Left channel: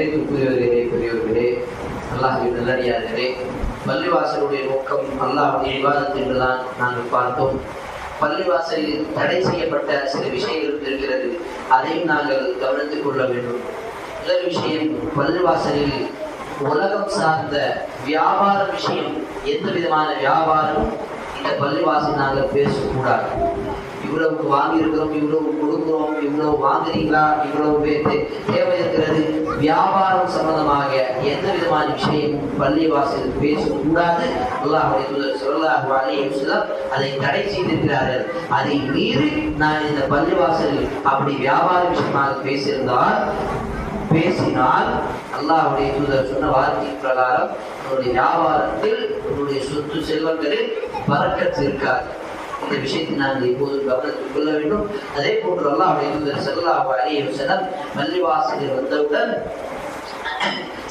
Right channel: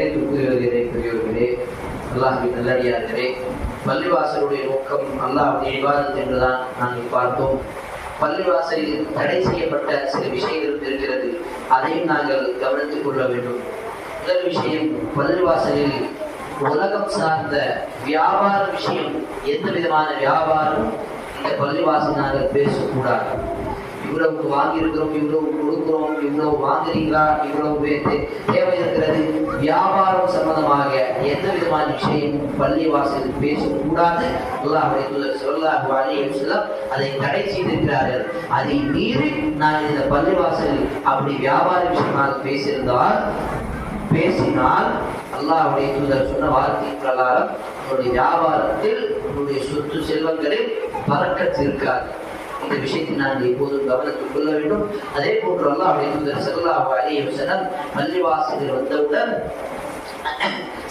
பெரியவர்களே, அல்லாஹ்வின் நல்லடியார்களே, பள்ளிவாசலுடைய நோக்கம் அல்லாஹ்வுடைய இபாதத் என்றுதான் நாங்கள் பார்த்தோம். பள்ளிவாசலில் தடை செய்யப்பட்ட சில விஷயங்கள் இருக்கிறது, அதையும் நாங்கள் கவனித்துக் கொள்ள வேண்டும். முதல் விஷயம், பள்ளிவாசலில் உலகம் சார்ந்த வியாபார விஷயம், எந்த விதமான வியாபாரமும் இந்த பள்ளிவாசல் நாங்கள் பேசக்கூடாது. இவ்வளவு வாங்கி இருக்கிறோம், இவ்வளவு கொடுக்கிறோம், இவ்வளவு வாங்குறீங்களா, இவ்வளவு தேவை இருக்கிறது, வியாபாரம் சம்பந்தமாக எந்த விதமான விஷயம் பள்ளிவாசல் பேசக்கூடாது. அல்லாஹ்வுடைய தூதர் ஸல்லல்லாஹு அலைஹி வஸல்லம் அதை தடை செய்திருக்கிறார்கள். அதை மீறி நான் இந்த பள்ளிவாசலில் அப்படி வியாபார விஷயமாக பேசினால் அல்லாஹ்வுடைய தூதர் சொன்ன வார்த்தையின் பிரகாரம் உங்களுடைய வியாபாரத்தில், உங்களுடைய சொத்து செல்வங்களில் பரக்கத் இருக்காது. இந்த விஷயத்தை நாங்கள் எப்போதும் கவனத்தில் கொள்ள வேண்டும். அதே போன்று அல்லாஹ்வுடைய தூதர் ஸல்லல்லாஹு அலைஹி வஸல்லம் பள்ளிவாசலில் வந்தவுடன்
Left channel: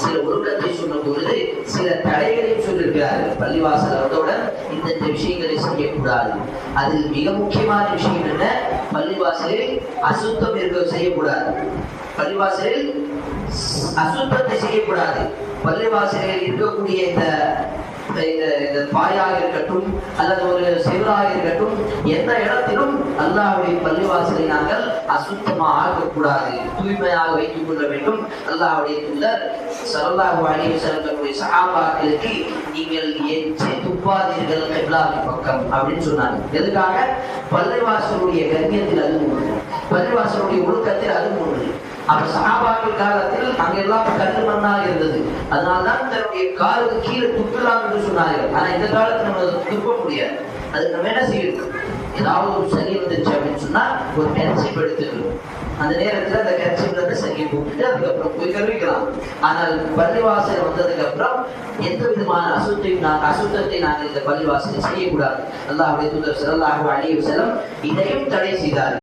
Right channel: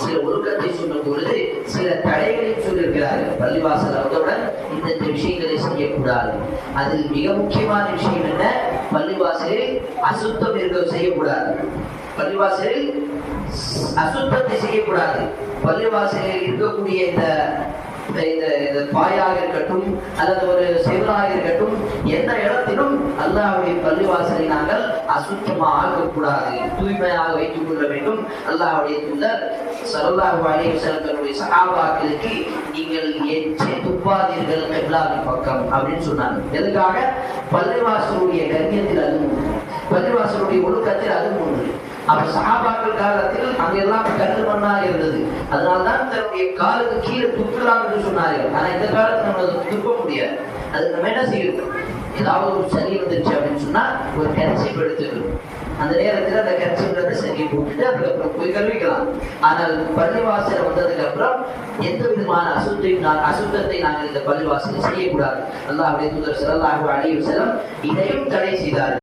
சில ஒழுக்கத்தை சொன்ன பொழுது சில தடைகளையும் சொல்லியிருக்கிறார்கள். பள்ளிவாசல் வந்தவுடன் இந்த விஷயங்களை செய்யக்கூடாது. அதில் மிக முக்கியமான விஷயம் என்ன? பள்ளிவாசலில் அசுத்தம் செய்யக்கூடாது. பள்ளிவாசலில் அசுத்தத்தை செய்யக்கூடாது. பள்ளிவாசலில் இருக்கக்கூடிய இந்த பாயாக இருக்கட்டும் அல்லது ஒரு செவராக இருக்கட்டும், எந்த இடத்திலும் அல்லாஹ்வுடைய பள்ளிவாசலை நாங்கள் அசுத்தமாக ஆக்கக்கூடாது, தூய்மையாக வைத்துக் கொள்ள வேண்டும். அல்லாஹ்வுடைய தூதர் ஸல்லல்லாஹு அலைஹி வஸல்லம் சஹாபாக்களுக்கு நீங்கள் எச்சை துப்பாதீர்கள் கிப்லாவின் பக்கம் அப்படின்னு சொன்னாங்க. எதுக்காக? பள்ளிவாசலுடைய கண்ணியத்தில் அது ஒன்று, பள்ளிவாசலுடைய ஒழுக்கத்தில் அது ஒன்று. அப்ப சஹாபாக்கள் காலத்தில் அங்கெல்லாம் கல்லு மண்ணா இருந்தது, அதனால்தான் தன்னுடைய காலுக்கு கீழே துப்பலாம் என்று சொன்னார்கள். ஆனா இந்த காலத்துல நம்ம துப்ப முடியாது. அதுக்கு நம்ம என்ன செய்யணும்? ஏதாவது ஒரு சளி வந்துருச்சு அப்படின்னு சொன்னா ஒரு கர்ச்சீப் எடுத்துக்கணும். அந்த நேரத்துல அந்த கர்ச்சீப்ல சளி போட்டுட்டு அதுக்கப்புறம் போய் கழுவிக்கலாம். ஆனால் பள்ளிவாசல் வந்ததுக்கு அப்புறம் எந்த விதமான அசுத்தத்தை நாங்கள் இந்த பள்ளிவாசல் செய்யக்கூடாது. அல்லாஹ்வுடைய தூதர் ஸல்லல்லாஹு அலைஹி வஸல்லம் இதையும் தடை செய்தார்கள்.